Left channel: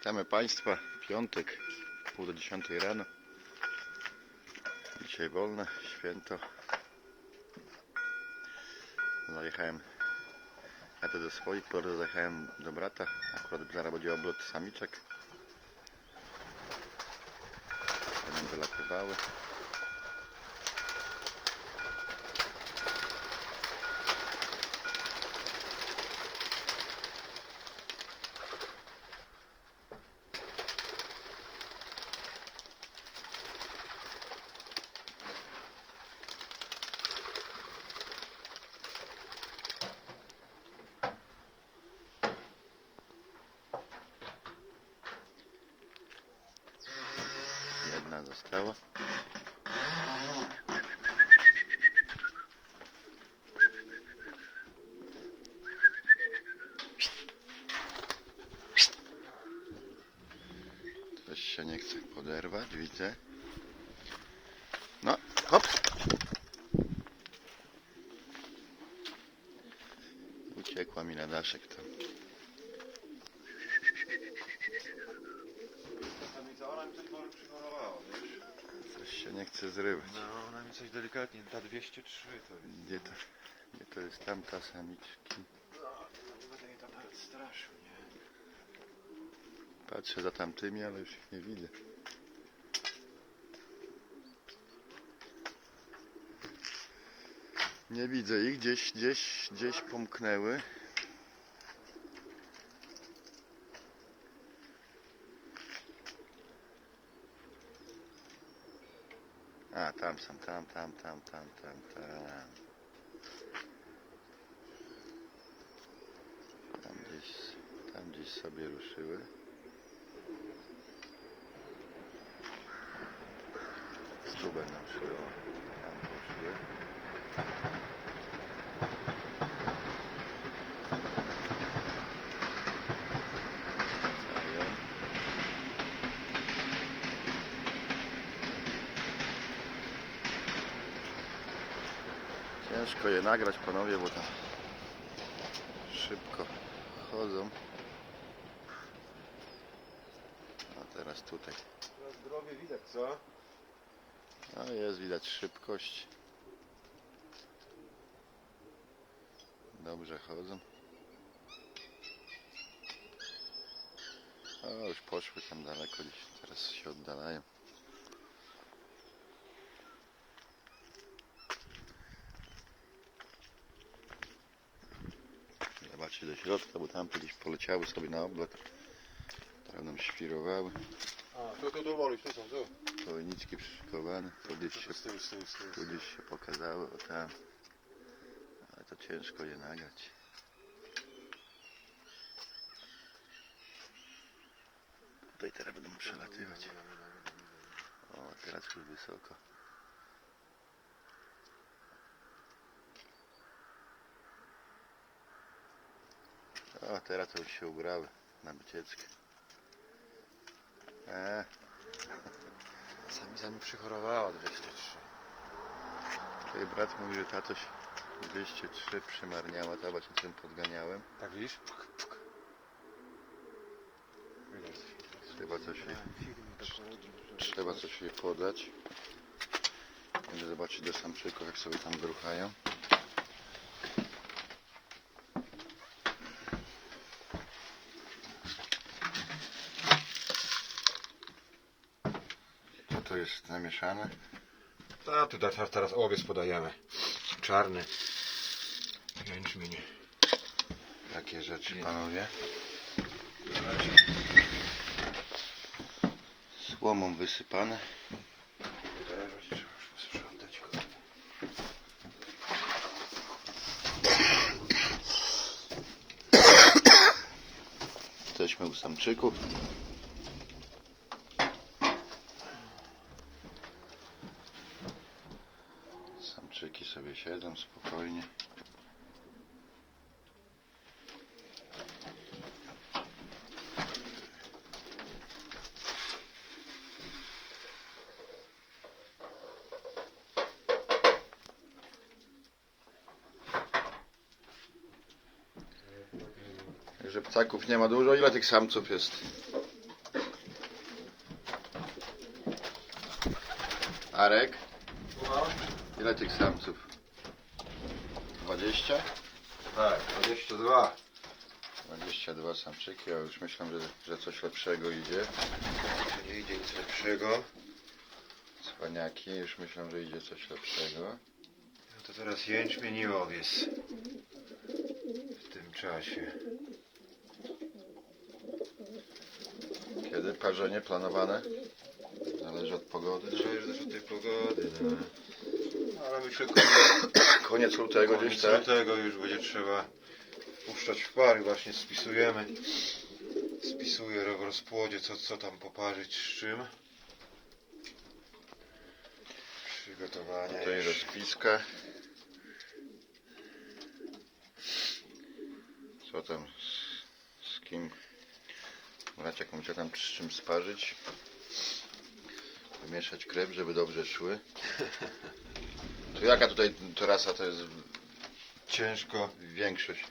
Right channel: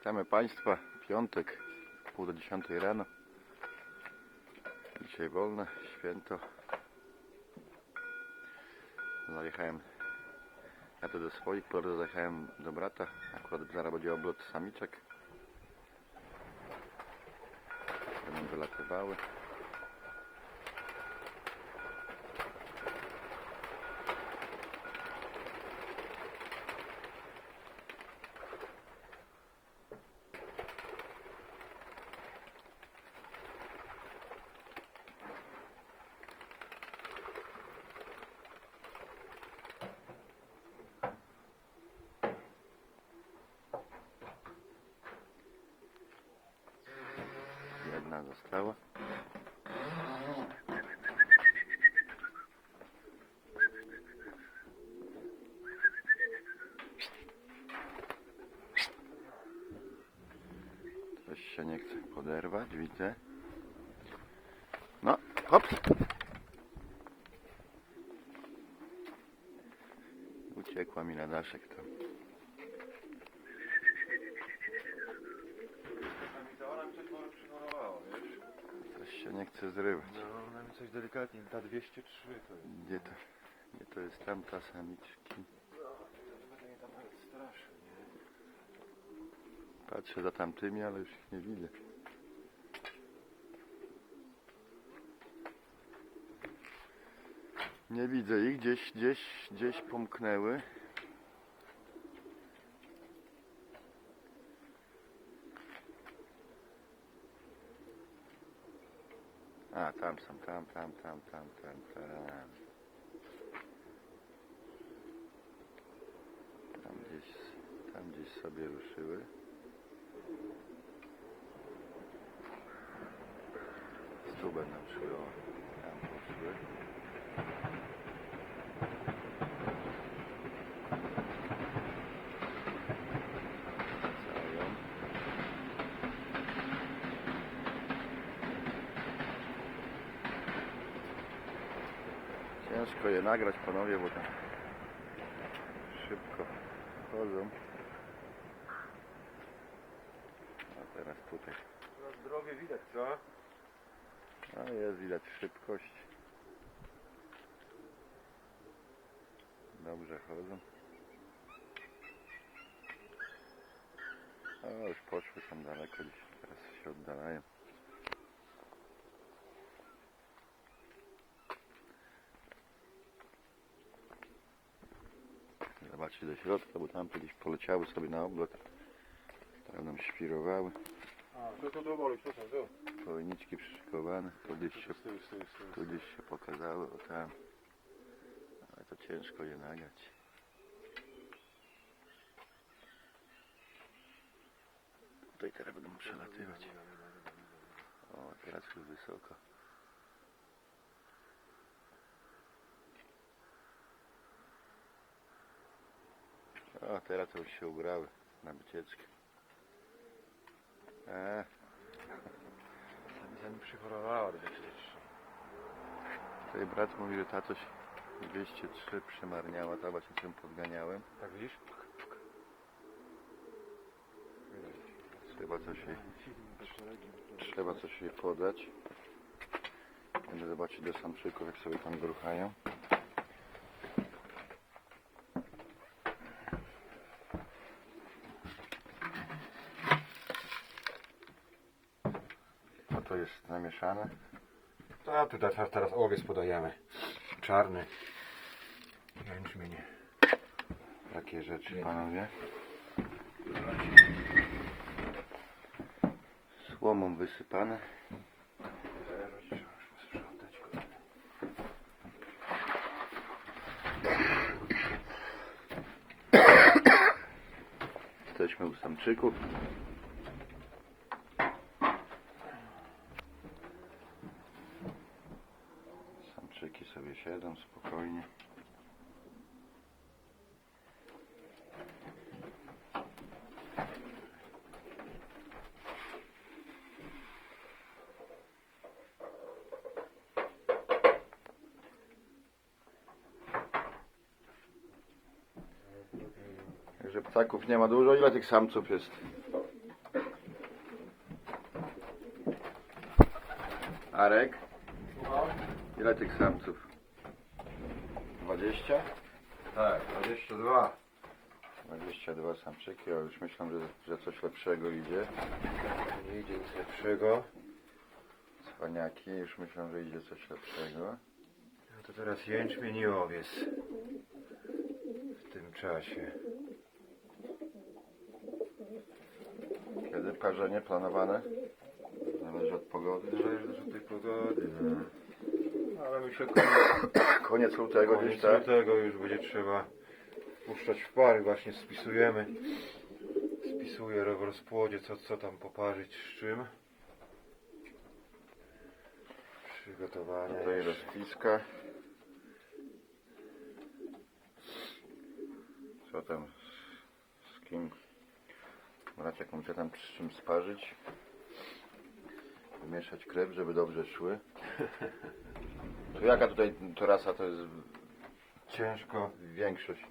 Witamy Państwa. Piątek, pół do dziesiątej rano. Dzisiaj wolne, święto. Zajechałem, jadę do swoich, po zajechałem do brata. Akurat zaraz będzie oblot samiczek. Będą wylatywały. Jedna została. Coś się nie chce poderwać, widzę. No, hop. Uciekła mi na daszek tam. Ona mi coś może przymalowała, wiesz? Coś się nie chce zrywać. No, ona mi coś delikatnie, ta 203 to jest. Gdzie to, gdzie to jest tamta samiczki? No, straszył, nie? Patrzę za tamtymi, ale już ich nie widzę. Nie widzę ich, gdzieś, gdzieś, gdzieś pomknęły. Tam są, tam, tam, tam, tam, tam, tam. Tam gdzieś, tam gdzieś sobie ruszyły. Tu będą szły, o, tam poszły. Ciężko je nagrać panowie, bo tam szybko chodzą. A teraz tutaj. Teraz drogę widać, co? No jest widać szybkość. Dobrze chodzą. O, już poszły tam daleko gdzieś. Teraz się oddalają. Zobaczcie do środka, bo tam gdzieś poleciały sobie na oblot. Teraz nam świrowały. Kołeniczki przyszykowane. Tu gdzieś się. Tu gdzieś się pokazały, o tam. Ale to ciężko je nagrać. Tutaj teraz będą przelatywać. O, teraz już wysoko. O, teraz to już się ubrały na wycieczkę. Eee, Sami, sami przychorowała 203. Tutaj brat mówi, że tatoś 203 przymarniała, to właśnie czym podganiałem. Tak widzisz? Trzeba coś jej, trzeba coś jej podać. Będę zobaczyć do samczyków, jak sobie tam gruchają. Co to jest namieszane? A, tutaj teraz, owiec podajemy. Czarny. Jęczmień. Jakie rzeczy, panowie? Słomą wysypane. Jesteśmy u samczyków. siadam spokojnie. Także ptaków nie ma dużo. Ile tych samców jest? Arek? Ile tych samców? 20? Tak, 22. 22 samczyki, a już myślę, że, że coś lepszego idzie. Nie idzie nic lepszego. Cwaniaki, już myślę, że idzie coś lepszego. No to teraz jęczmień i owiec. W tym czasie. Kiedy parzenie planowane? Zależy od pogody. Zależy też od tej pogody, no. Ale myślę, koniec, Koniec lutego koniec gdzieś, tak? lutego już będzie trzeba puszczać w pary. Właśnie spisujemy. Spisuję w rozpłodzie, co, co tam poparzyć z czym. Przygotowania Tutaj już. rozpiska. Co tam? Z, z kim? Brać jakąś tam z czym sparzyć. Wymieszać krew, żeby dobrze szły. To jaka tutaj trasa to jest Ciężko. większość?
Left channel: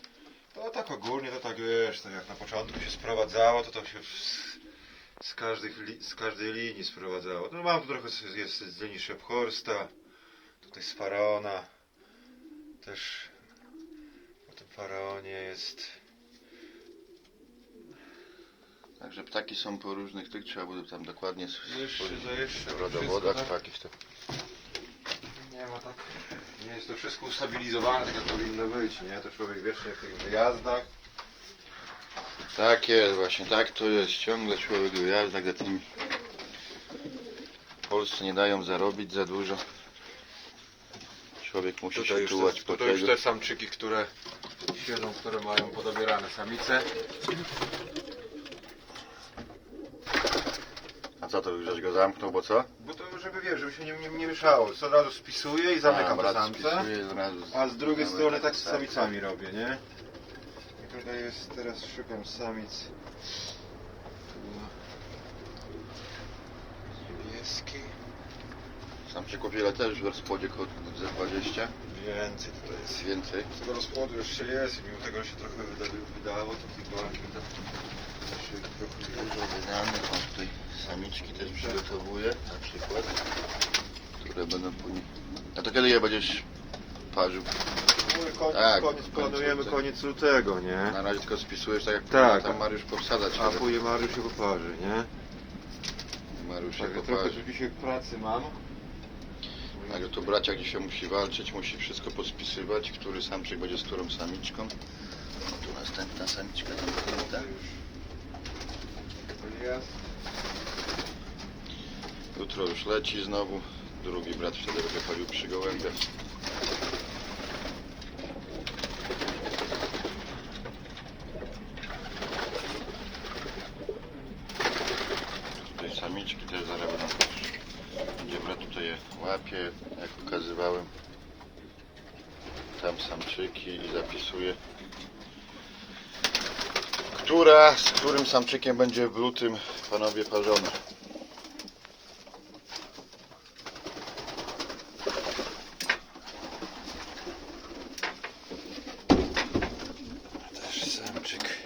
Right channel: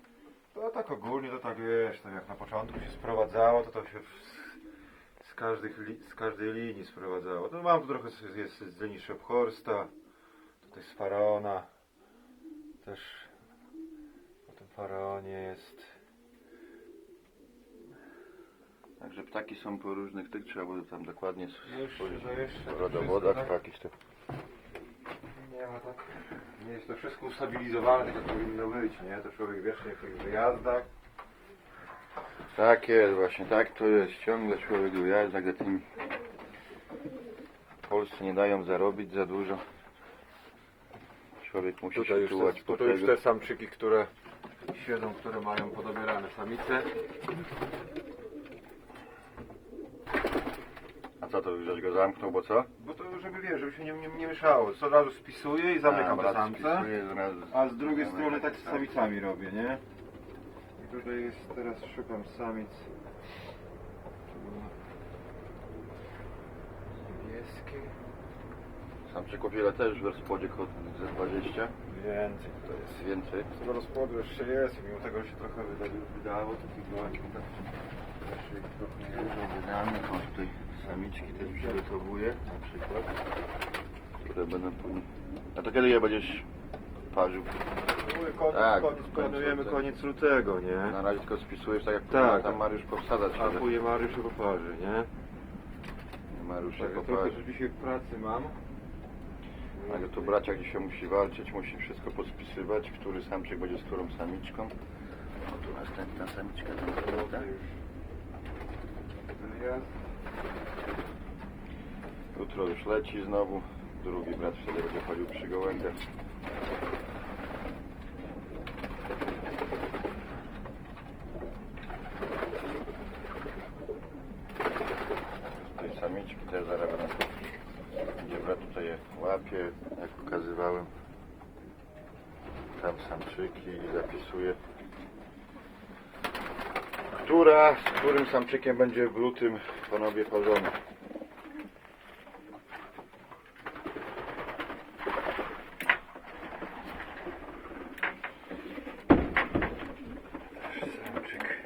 No tak ogólnie to tak wiesz, tak jak na początku się sprowadzało, to to się z, z, każdych, li, z każdej linii sprowadzało. No mam tu trochę z- jest z linii Shephorsta, tutaj z Faraona, też po tym Faraonie jest. Także ptaki są po różnych tych, trzeba było tam dokładnie Jeszcze, to jeszcze. rodowodach wszystko. To. tak- Nie ma tak. Nie jest to wszystko ustabilizowane, tak jak powinno być, nie? To człowiek wiecznie w tych wyjazdach. Tak jest właśnie, tak to jest. Ciągle człowiek w wyjazdach za tymi. W Polsce nie dają zarobić za dużo. Człowiek musi Tutaj się już, czuwać te, po tutaj już te samczyki, które siedzą, które mają podobierane samice. A co to, żeś go zamknął, bo co? Bo to, żeby wiesz, żeby się nie, nie, nie mieszało. Co od razu spisuję i zamykam te samce. A z drugiej strony tak z samicami robię, nie? I tutaj jest, teraz szukam samic. Tu niebieski. Samczyków ile też w ze 20? Więcej tutaj jest. Więcej. Z tego rozkładu jeszcze jest i mimo tego, że się trochę wyda, wydało, to trochę nie Dużo wydanych, on tutaj samiczki też przygotowuje na przykład, które będą później. A to kiedy je będziesz parzył? Koniec, Tak, koniec planujemy lutego. koniec lutego, nie? Na razie tylko spisujesz tak jak Tak. tam Mariusz powsadzać A później Mariusz się poparzy, nie? Mariusz się trochę poparzy. tu dzisiaj pracy mam. Także tu braciak dzisiaj musi walczyć, musi wszystko podspisywać, który samczyk będzie z którą samiczką. O tu następna samiczka tam. Jest. Jutro już leci znowu. Drugi brat wtedy będzie chodził przy gołębiach. Tutaj samiczki też zaraz będą też. Gdzie brat tutaj je łapie, jak pokazywałem. Tam samczyki i zapisuje. Która z którym samczykiem będzie w lutym panowie parzone? Też samczyk.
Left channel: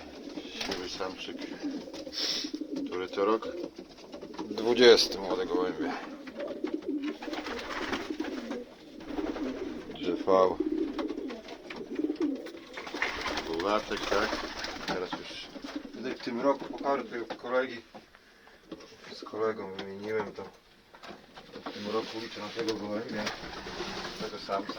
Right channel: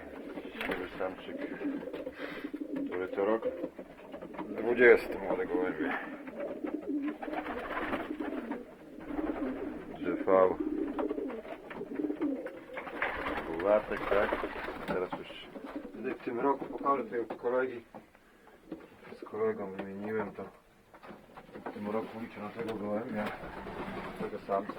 Siwy samczyk. Który to rok? 20 Półlatek, tak? Teraz już w tym roku pokażę u kolegi. Z kolegą wymieniłem to. W tym roku liczę na tego gołębia. Tego samca.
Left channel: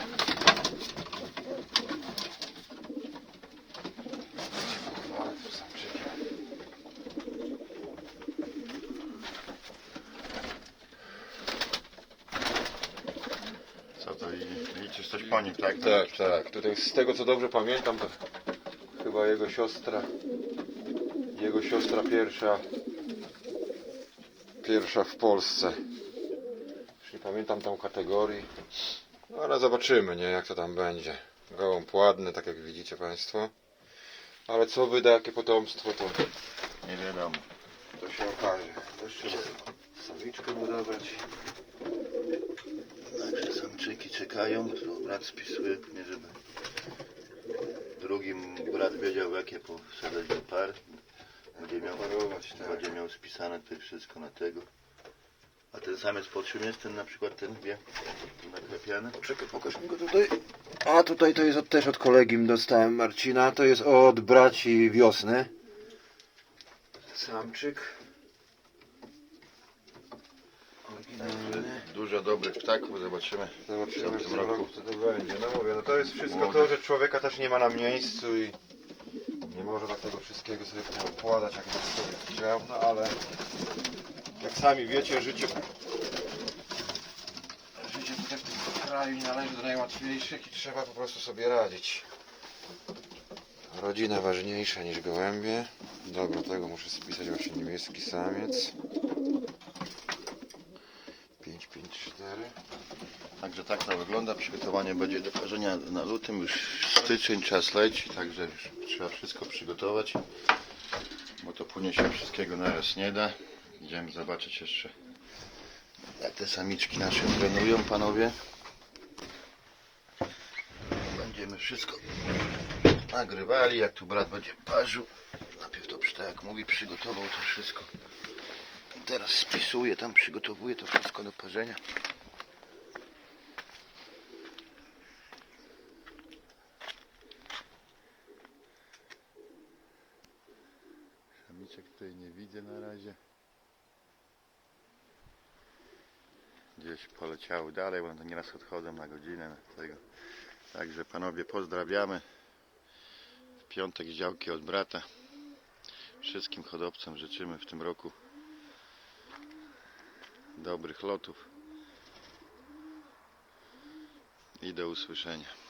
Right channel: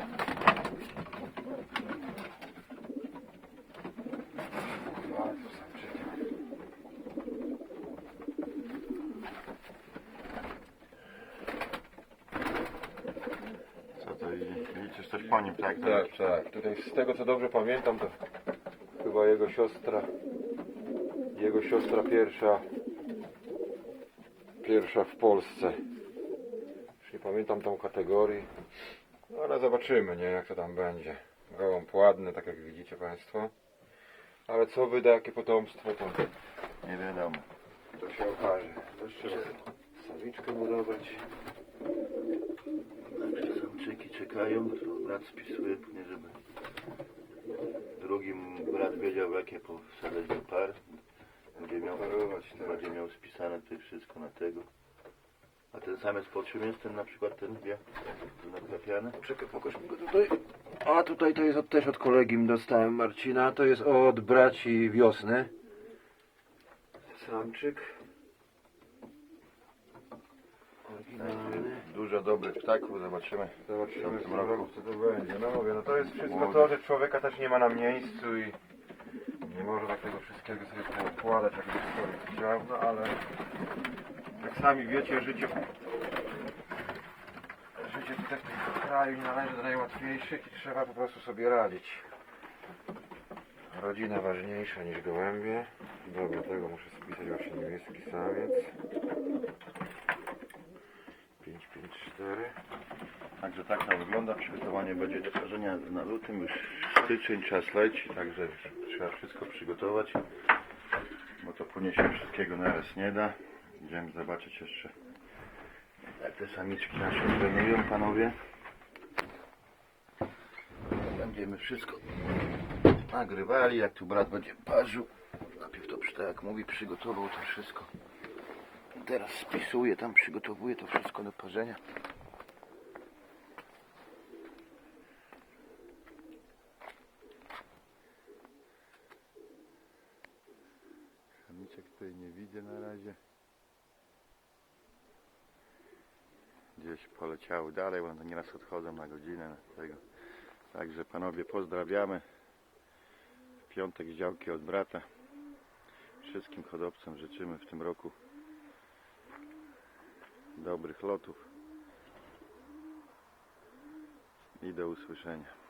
Co to i liczysz coś po nim, tak? Tak, tak. Tutaj z tego co dobrze pamiętam, to chyba jego siostra, jego siostra pierwsza, pierwsza w Polsce. Już nie pamiętam tą kategorii, no, ale zobaczymy, nie, jak to tam będzie. Gołąb ładny, tak jak widzicie Państwo. Ale co wyda, jakie potomstwo, to, Nie wiadomo. to się okaże. Jeszcze samiczkę mu dobrać. Także samczyki czekają, to brat spisuje, nie żeby drugim brat wiedział jakie powsadzać do par. Będzie miał, Parować, tak. będzie miał spisane tutaj wszystko na tego. A ten samiec pod jest ten na przykład ten wie? Tu naklepiany. Czekaj, pokaż mi go tutaj. A tutaj to jest od, też od kolegi dostałem Marcina, to jest od braci wiosny. Samczyk. Oryginalny. Dużo dobrych ptaków, zobaczymy. Zobaczymy w tym roku? co to będzie. No mówię, no to jest wszystko to, że człowieka też nie ma na miejscu i nie może tak tego wszystkiego sobie układać, jakby sobie chciał, no ale jak sami wiecie, życie życie tutaj w tym kraju nie należy do najłatwiejszych i trzeba po prostu sobie radzić. Rodzina ważniejsza niż gołębie. Dobra, tego muszę spisać właśnie niemiecki samiec. Tak to wygląda. Przygotowanie będzie do parzenia na lutym. Już styczeń, czas leci, także trzeba wszystko przygotować. Bo to płynie się wszystkiego naraz nie da. Idziemy zobaczyć jeszcze jak te samiczki nasze trenują panowie. Będziemy wszystko nagrywali, jak tu brat będzie parzył. Najpierw to tak jak mówi, przygotował to wszystko. Teraz spisuje, tam przygotowuje to wszystko do parzenia. Samiczek tutaj nie widzę na razie. Gdzieś poleciały dalej, bo one nieraz odchodzą na godzinę. Tego. Także panowie pozdrawiamy. Piątek działki od brata. Wszystkim hodowcom życzymy w tym roku dobrych lotów i do usłyszenia.